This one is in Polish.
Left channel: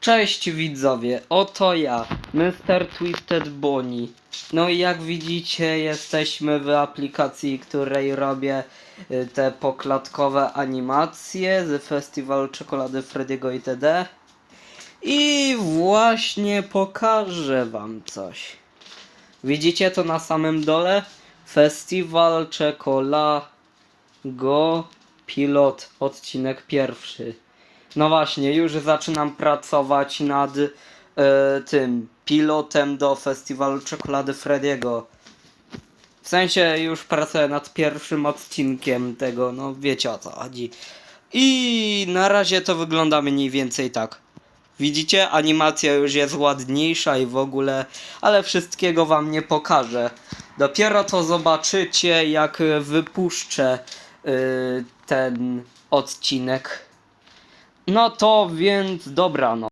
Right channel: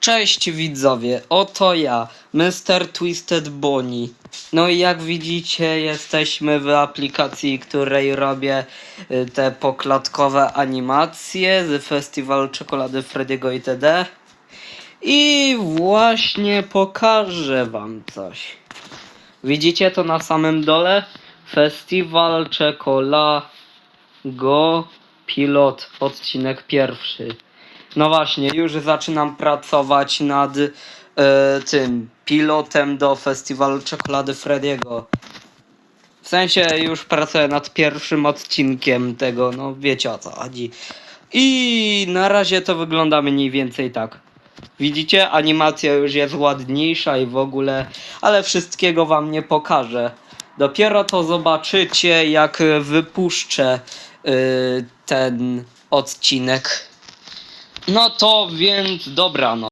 Cześć widzowie, oto ja, Mr. Twisted Bonnie. No i jak widzicie, jesteśmy w aplikacji, której robię y, te poklatkowe animacje z Festiwalu Czekolady Frediego itd. I właśnie pokażę wam coś. Widzicie to na samym dole? Festiwal Czekolago Pilot, odcinek pierwszy. No właśnie, już zaczynam pracować nad e, tym pilotem do festiwalu czekolady Frediego. W sensie już pracuję nad pierwszym odcinkiem tego, no wiecie o co chodzi. I na razie to wygląda mniej więcej tak. Widzicie, animacja już jest ładniejsza i w ogóle, ale wszystkiego wam nie pokażę. Dopiero to zobaczycie, jak wypuszczę y, ten odcinek. No to więc dobra, no.